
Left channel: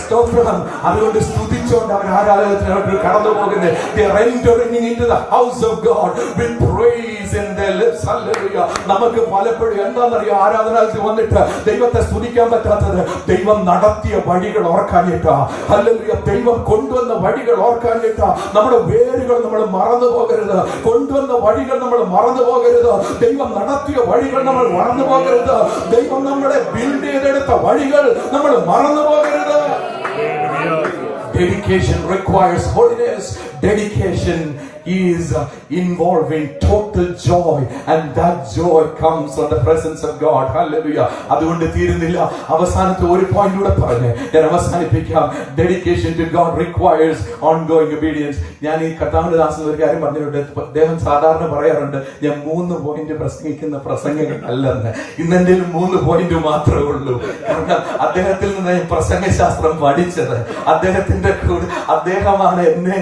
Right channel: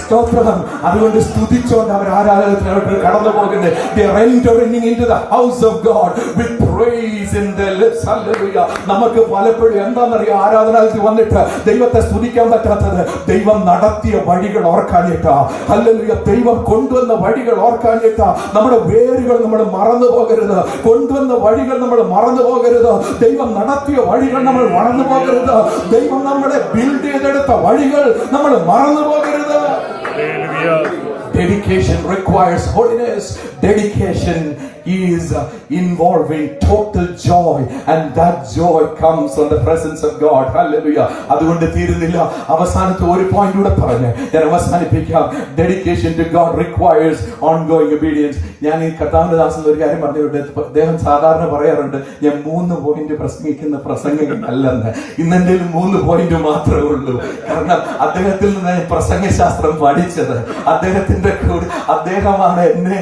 സ്തോത്രം. അതുകൊണ്ട് സ്തുതിച്ചോണ്ട് അവർ ആരാധനയ്ക്ക് കടന്നു പോകുന്നത്. They are entering into the house of God with praise in their lips. Hallelujah. നമുക്ക് പലപ്പോഴും എന്താണെന്നറിയോ, ആരാധനാലയത്തിൽ വന്നിട്ട് ദൈവത്തെ സ്തുതിക്കാൻ പറ്റാത്തത് ദൈവം നടത്തിയ വഴികൾ ഓർക്കാനിട്ടാ. ഹല്ലേലൂയ. ദൈവം കൊണ്ടുവന്ന വഴികൾ ഓർക്കാനിട്ടാ. നമ്മുടെ വേരുകൾ നമ്മൾ മറന്നു പോകരുത്. കൊണ്ടുവന്ന വഴികൾ നമ്മൾ മറന്നു പോകരുത്. ദൈവം നടത്തിയ വഴികൾ നമ്മൾ മറന്നു പോകരുത്. ദൈവം നമ്മളെ ബിൽഡ് ചെയ്തെടുത്ത വഴികൾ നമ്മൾ മറന്നു പോകരുത്. Dedication requires holiness. Dedication is involving total joy, and that joy comes from the presence of God. Hallelujah. അതുകൊണ്ട് തീരുന്നില്ല. അവസാനത്തെ ഒരു പോയിന്റ് കൂടെ പറഞ്ഞ് ഞാൻ അവസാനിപ്പിക്കാം. Dedication to God requires ongoing obedience. ഞാൻ ഈ കർത്താവിന്റെ ദാസൻ ഒരു കാര്യം പറഞ്ഞിട്ടുണ്ട്. അദ്ദേഹം സാധാരണ പറയാറുണ്ട്, ഞാൻ 3 പോയിന്റ് പ്രസംഗിക്കുന്ന പ്രസംഗം അല്ലെന്ന്. ഇന്നെന്റെ 3 പോയിന്റ് മാത്രമേ ഉള്ളൂ. കാരണം അദ്ദേഹത്തിൽ നിന്ന് ഞാൻ പ്രസംഗശാസ്ത്രം പഠിച്ചത്. അദ്ദേഹമാണ് എന്നെ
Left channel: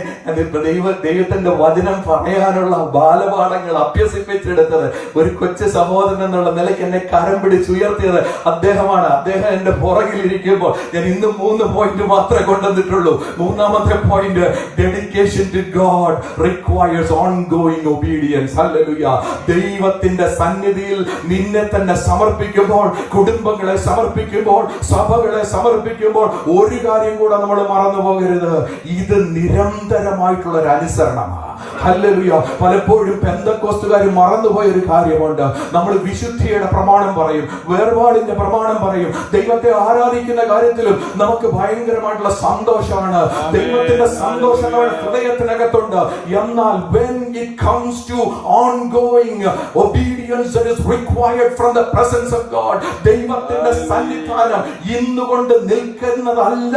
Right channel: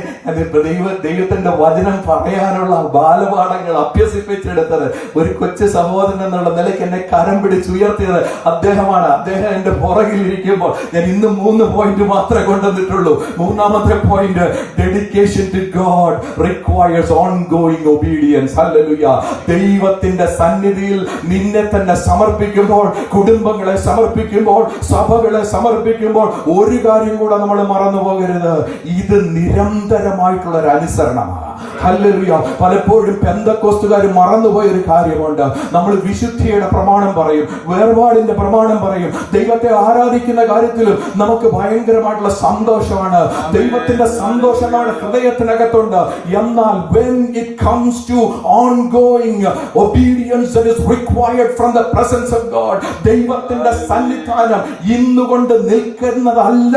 ദൈവത്തിന്റെ വചനം പറയാനുള്ള ബാലപാഠങ്ങൾ അഭ്യസിപ്പിച്ചെടുത്തത്. ഒരു കൊച്ചു സഹോദരൻ എന്നുള്ള നിലയ്ക്ക് എന്നെ കരം പിടിച്ചുയർത്തിയത് അദ്ദേഹമാണ്. അദ്ദേഹം എന്റെ പുറകിലിരിക്കുമ്പോൾ ഞാൻ ഇന്ന് 3 പോയിന്റ് മാത്രമേ കൊണ്ടുവന്നിട്ടുള്ളൂ. 3ാമത്തെ point, dedication to God requires ongoing obedience. Hallelujah. ദൈവത്തിന്റെ സന്നിധിയിൽ നിന്നെ തന്നെ സമർപ്പിക്കുമ്പോൾ, കുടുംബങ്ങളെ സമർപ്പിക്കുമ്പോൾ, സഭകളെ സമർപ്പിക്കുമ്പോൾ ഒരു കാര്യം കൂടെ നമ്മൾ മറന്നു പോകരുത്. ഇത് നിരന്തരമായിട്ടുള്ള ഒരു അനുസരണമാണ്. ഹല്ലേലൂയ. പലപ്പോഴും പെന്തക്കോസ്തുകാർ മറന്നുപോയ ഒരു കാര്യമുണ്ട്. നമ്മൾ വിശുദ്ധിയുടെ പ്രമാണം പറയും, വേർപാടിന്റെ പ്രമാണം പറയും, ദൈവത്തെ ആരാധിക്കുന്ന കാര്യത്തിലും നമുക്ക് ഭയങ്കരമായിട്ടുള്ള സന്തോഷമാണ്. ദൈവത്തിന്റെ സന്തോഷം നമ്മുടെ ഹൃദയത്തിനകത്തുണ്ട്. എന്നാൽ when it comes to ongoing obedience that is required from the presence of God, ദൈവത്തിന്റെ സന്നിധാനം ഇന്നുകൊണ്ട് നിൽക്കുന്നതല്ല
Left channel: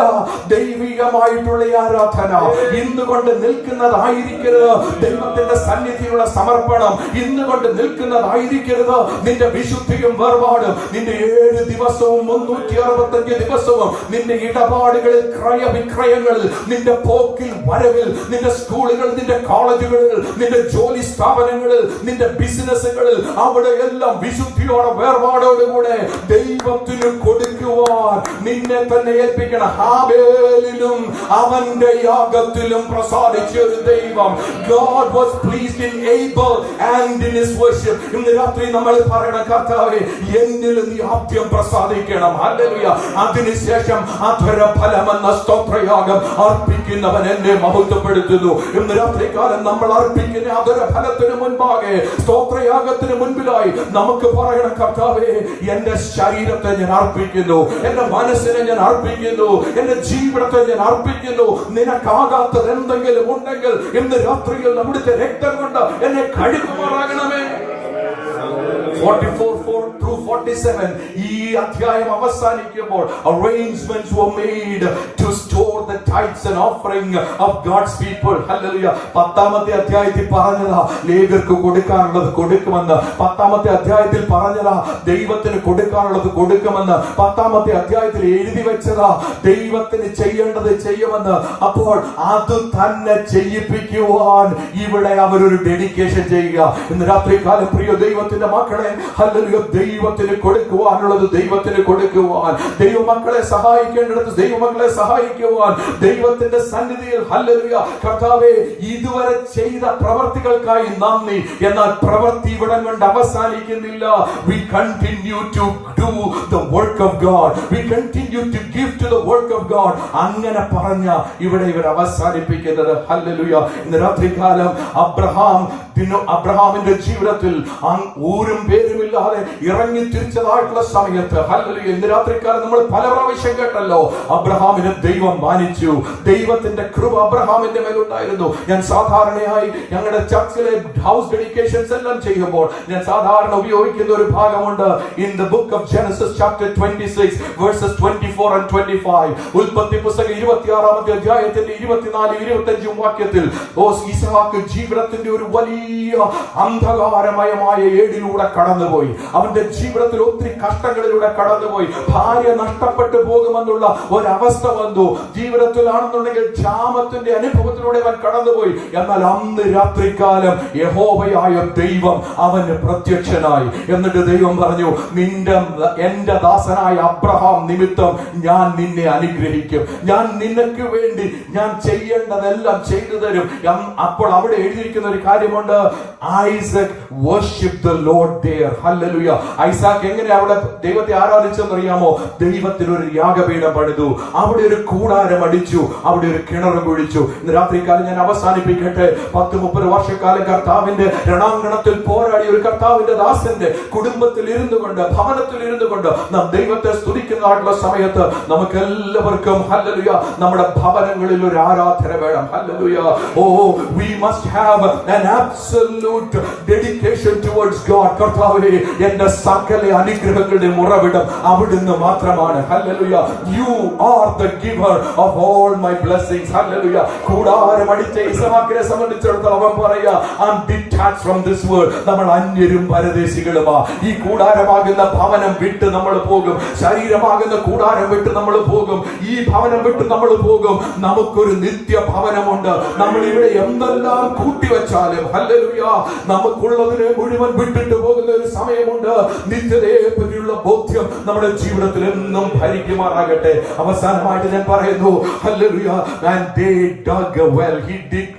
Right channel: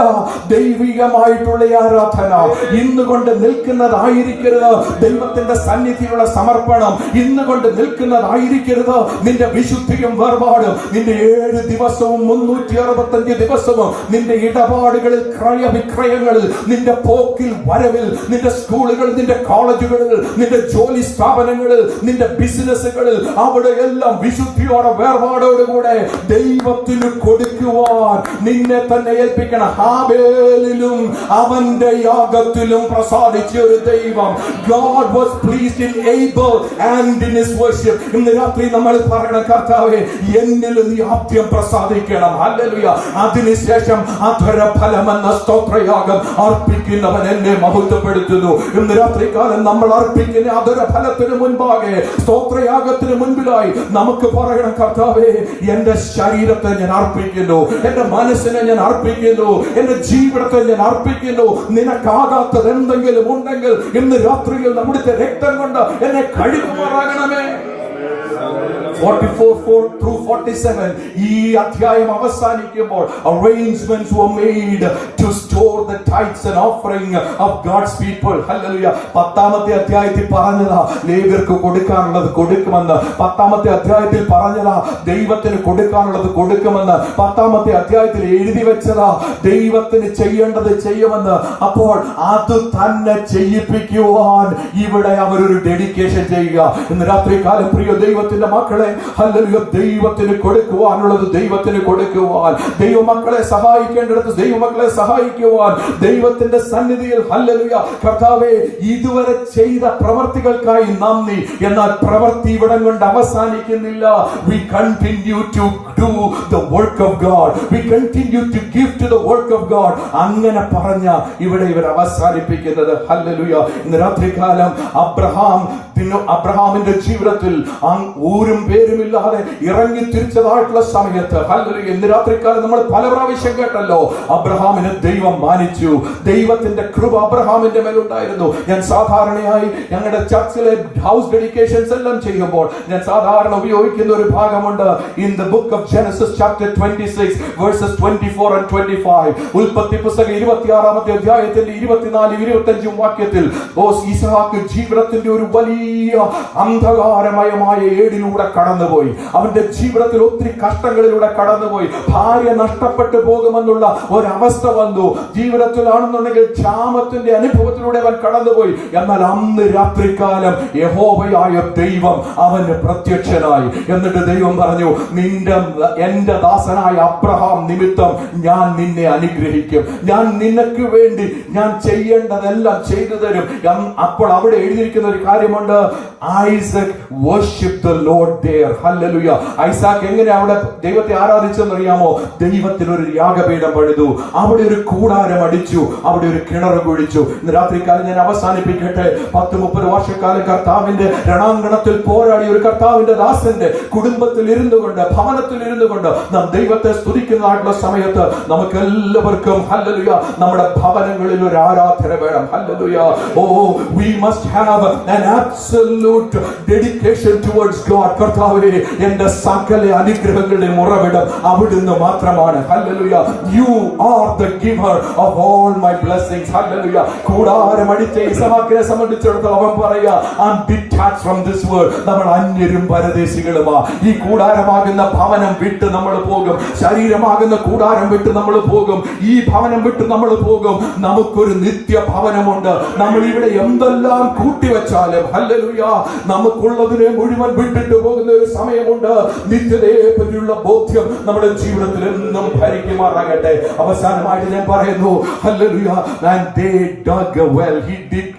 ദൈവികമായിട്ടുള്ള ആരാധന. ഇന്നുകൊണ്ട് നിൽക്കുന്നതായിരിക്കരുത് ദൈവത്തിന്റെ സന്നിധിയിലുള്ള സമർപ്പണം. ഇന്നുകൊണ്ട് നിൽക്കുന്നതായിരിക്കരുത് നിന്റെ വിശുദ്ധിയും വേർപാടും. നിന്റെ 7 ദിവസവും 365 ദിവസവും നിന്റെ ഇടപാടുകളിൽ, ക്രയവിക്രയങ്ങളിൽ, നിന്റെ പോക്കിൽ വരവിൽ, നിന്റെ സ്കൂളുകളിൽ, നിന്റെ കോളേജുകളിൽ, നിന്റെ ജോലി സ്ഥാപനങ്ങളിൽ, നിന്റെ ബിസിനസ്സുകളിൽ, അവിടെ എല്ലാം വിശുദ്ധിയോടെ വേർപാടോടുകൂടെ ദൈവത്തിന് കൊടുക്കുവാൻ നിന്നെ തന്നെ ഏൽപ്പിക്കണം. ഹാബേലിലും അവന്റെ യാഗത്തിലും പ്രസാദിച്ച ഒരു ദൈവം. God was pleased in Abel and in his worship. ഇന്ന് രാത്രി നമ്മൾ പറയണം, കർത്താവേ എന്നിലും നീ ആദ്യം പ്രസാദിക്കണം. ഹല്ലേലൂയ. അതിനുശേഷം അധര ഫലമെന്ന സ്തോത്രയാഗം അർപ്പിക്കുന്നവൻ എന്നെ മഹത്വപ്പെടുത്തുന്നു. ഇന്ന് രാത്രികാലം നമ്മൾ അർപ്പിക്കുന്ന അധര ഫലത്തിന് മുൻപാകെ, സ്തോത്രയാഗത്തിന് മുൻപിലായി നമുക്ക് പറയണം, കർത്താവേ എന്റെ ശരീരത്തെ ഞാൻ അർപ്പിക്കുന്നു, എന്റെ മനസ്സിനെ ഞാൻ അർപ്പിക്കുന്നു, എന്റെ ജീവിതത്തെ ഞാൻ അർപ്പിക്കുന്നു. നിനക്കാകാത്തത് എന്തെങ്കിലും ഉണ്ടെങ്കിൽ ഇന്ന് രാത്രിയിൽ നമ്മുടെ രക്തം കൊണ്ട് എന്നെ കഴുകുമാറാകണമേ. 44:4-47 ഈ അധ്യായം അവസാനിക്കുമ്പോൾ arrangements were made to store the tithes and offering of God's people. Hallelujah. 10ാമത്തെ അധ്യായത്തിൽ പറഞ്ഞതാ ലേവ്യർക്ക് കൊടുക്കാനുള്ളത് കൊടുക്കുമെന്ന്. 10ാമത്തെ അധ്യായത്തിൽ പറഞ്ഞതാ ദൈവത്തിന് കൊടുക്കാനുള്ളത് കൊടുക്കുമെന്ന്. 10ാമത്തെ അധ്യായത്തിൽ എഴുതി വെച്ചതാ ദൈവത്തിന് ചെയ്യേണ്ടത് ചെയ്യുമെന്ന്. അപ്പോൾ അത് തന്നെ ചെയ്യിപ്പിക്കുവാൻ ഇവിടെ അവരൊരു ഡെഡിക്കേഷൻ ചെയ്യുക. ഇന്ന് രാത്രികാലം പ്രിയ ദൈവത്തിന്റെ മക്കളെ, ഹല്ലേലൂയ, ദൈവത്തിന് കൊടുക്കുവാനുള്ളത് ദൈവത്തിന് കൊടുക്കുവാൻ, ദൈവമക്കളെ സഹായിക്കേണ്ടിടത്ത് ദൈവമക്കളെ സഹായിക്കുവാൻ, ദൈവത്തിന്റെ സന്നിധിയിൽ, ഹല്ലേലൂയ, കർത്താവേ ഇതുവരെ ചെയ്ത പ്രവർത്തികൾക്കായി നന്ദി. എന്നാൽ പ്രവൃത്തി ഇവിടം കൊണ്ട് അവസാനിക്കുന്നില്ല. We continue to do the work of God. We continue to give to the work of God. അങ്ങനെ പറഞ്ഞ ഇവിടെ ഇവർ അവസാനിപ്പിക്കുന്നത്. ഹല്ലേലൂയ. ഇന്ന് രാത്രികാലം അബ്രഹാമിന്റെ ജീവിതത്തിൽ ഊരും പേരുമില്ലാതെ ഇറങ്ങി തിരിച്ചതായിട്ടുള്ള സമയത്ത്, ഹല്ലേലൂയ, ഇന്ന് രാത്രികാലം നമ്മൾ പല പ്രാവശ്യം കേട്ടല്ലോ, അബ്രഹാമിനെ ദൈവം മാനിച്ചു. ദൈവത്തിന്റെ കൃപ അബ്രഹാമിന്റെ മേലുണ്ടായിരുന്നു. ഞാൻ സാധാരണയായി ഞങ്ങളുടെ ചർച്ചിലെ ഹൗസ് ഡെഡിക്കേഷൻസ് എല്ലാം ചെയ്യുമ്പോൾ ഞാൻ സാധാരണ ഉപയോഗിക്കുന്ന ഒരു ഭാഗമുണ്ട്. In the book of Genesis chapter 26 versus 24 and 25. ഉൽപ്പത്തി പുസ്തകം 26ാമത്തെ അധ്യായത്തിന്റെ 24-25 വാക്യത്തിൽ ഈസാക്ക് ജീവിതത്തിന്റെ ഒരു വലിയ അന്ധകാരമയമായ ഏടിലൂടെ കടന്നുപോയി. അവന്റെ ജീവിതത്തിൽ ഒത്തിരി കഷ്ടങ്ങളിലൂടെ കടന്നുപോയി. ഭാര്യ നഷ്ടപ്പെട്ടു പോകുമെന്നുള്ള ഒരവസ്ഥ വന്നു. ജീവിതത്തിലാണെന്നുണ്ടെങ്കിൽ ക്ഷാമത്തിന്റെ അനുഭവത്തിലൂടെ അവൻ കടന്നുപോയി. എന്നാൽ അന്ന് രാത്രികാലം യഹോവയായ ദൈവം അവന് പ്രത്യക്ഷനായി. എന്നിട്ട് ദൈവം പറഞ്ഞു, എന്റെ ദാസനായ അബ്രഹാം നിമിത്തം ഞാൻ നിന്നെ അനുഗ്രഹിക്കും, ഞാൻ നിനക്ക് വേണ്ടി ഞാൻ ചെയ്യേണ്ടതെല്ലാം ചെയ്തു തരും. അപ്പോൾ അവിടെ എഴുതിയിരിക്കുന്ന ഒരു കാര്യമുണ്ട്, Isaac worship the lord there. Hallelujah. Isaac എങ്ങനെ അവിടെ ദൈവത്തെ ആരാധിച്ചെന്നറിയാമോ? ദൈവത്തിനൊരു യാഗപീഠം പണിതു, അവിടെ ഒരു കൂടാരം അടിച്ചു, അവിടെ ഒരു കിണർ കുഴിച്ചു. ഇന്ന് രാത്രികാലം ഞാൻ അവസാനിപ്പിക്കട്ടെ. 10-30 വർഷക്കാലം കർത്താവിന്റെ രണാങ്കണത്തിൽ പോരാടിയ ഒരു കർത്താവിന്റെ ദാസന്റെ കുടുംബത്തിൽ ഇരുന്നു കൊണ്ട്, ഭവനത്തിൽ ഇരുന്നു കൊണ്ട് നാം ദൈവത്തെ സ്തുതിക്കുന്നതായിട്ടുള്ള സമയത്ത് നമുക്ക് എല്ലാവർക്കും, ഹല്ലേലൂയ, നമ്മുടെ ഭവനങ്ങളിൽ ഒരു ആരാധന വേണം. Hallelujah. We must have an absolute dedication towards God. കർത്താവേ, എന്റെ സകല അനുഗ്രഹങ്ങളുടെ ഉറവിടം അവിടുന്ന് മാത്രമാണ്. Hallelujah. You are the giver of all my blessings. Hallelujah. കൂടാരം അടിച്ച ഇസ്ഹാക്കിനെ സംബന്ധിച്ചിടത്തോളം അവൻ പറയാ, I'm detached from this world. നമ്മൾ അന്യരും പരദേശികളുമാ. ഈ കൂടാരമാകുന്ന ഭവനം വിട്ട് നമ്മൾ പോകും, ശരീരമാകുന്ന കൂടാരം വിട്ട് നമ്മൾ പോകും, ഈ ഭവനം വിട്ട് നമ്മൾ പോകും. നമുക്കൊരു നിത്യ ഭവനമുണ്ട്. നമ്മൾ ഇവിടെ എന്തെല്ലാം കൂട്ടിവെച്ചാലും, ഹല്ലേലൂയ, നമുക്കുള്ളതിനെ മുഴുവൻ വിട്ടിട്ട് പോകുന്ന വരുന്ന ഒരു സമയമുണ്ട്. നിത്യതയെ പറ്റിയുള്ള ബോധ്യം നമ്മുടെ ജീവിതത്തിൽ എന്നും ഭരിക്കുമാറാകട്ടെ. അവസാനമായിട്ട് ഞാൻ പറയുന്നു, hallelujah, and they dug a well.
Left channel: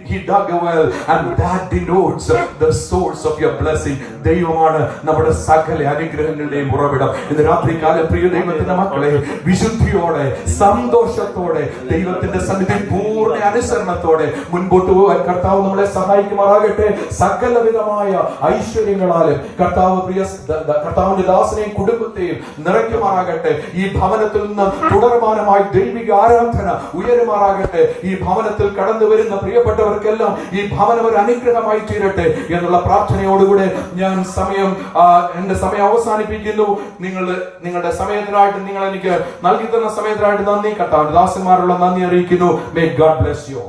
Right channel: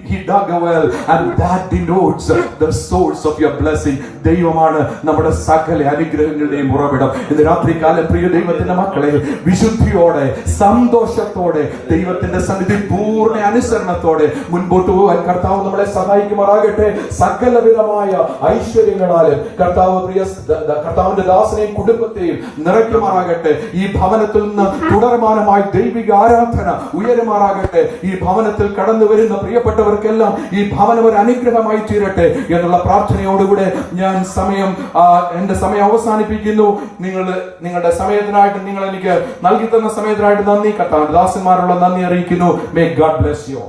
He dug a well, and that denotes the source of your blessing. ദൈവമാണ് നമ്മുടെ സകല അനുഗ്രഹങ്ങളുടെയും ഉറവിടം. ഇന്ന് രാത്രികാലം പ്രിയ ദൈവത്തിന്റെ മക്കളെ, വിശുദ്ധിയോടെ സന്തോഷത്തോടെ ദൈവത്തിന്റെ സന്നിധി പൂർണ്ണ അനുസരണത്തോടെ മുൻപോട്ട് പോകാൻ കർത്താവ് നമ്മളെ സഹായിക്കുമാറാകട്ടെ. സകലവിധമായ ഐശ്വര്യങ്ങളാലും കർത്താവിന്റെ ദാസനെയും കുടുംബത്തെയും നിറയ്ക്കുമാറാകട്ടെ. ഈ ഭവനത്തിൽ നിന്ന് തുടർമാനമായി ദൈവിക ആരാധന ഉയരുമാറാകട്ടെ. ഈ ഭവനത്തിൽ കടന്നു വരുന്ന പ്രിയപ്പെട്ടവർക്കെല്ലാം ഈ ഭവനം ഒരു അനുഗ്രഹമായി തീരട്ടെ എന്നുള്ള പ്രാർത്ഥനയോടുകൂടെ ഞാൻ എന്റെ സമയം അവസാനിപ്പിക്കുന്നു. നിങ്ങളുടെ സമയത്തിനായിട്ട്, നിങ്ങൾ എനിക്ക് നൽകി തന്ന സമയത്തിനായിട്ട് നന്ദി. കർത്താവ് ദാസന്മാരുള്ള നന്ദി അറിയിക്കുന്നു. May God bless you.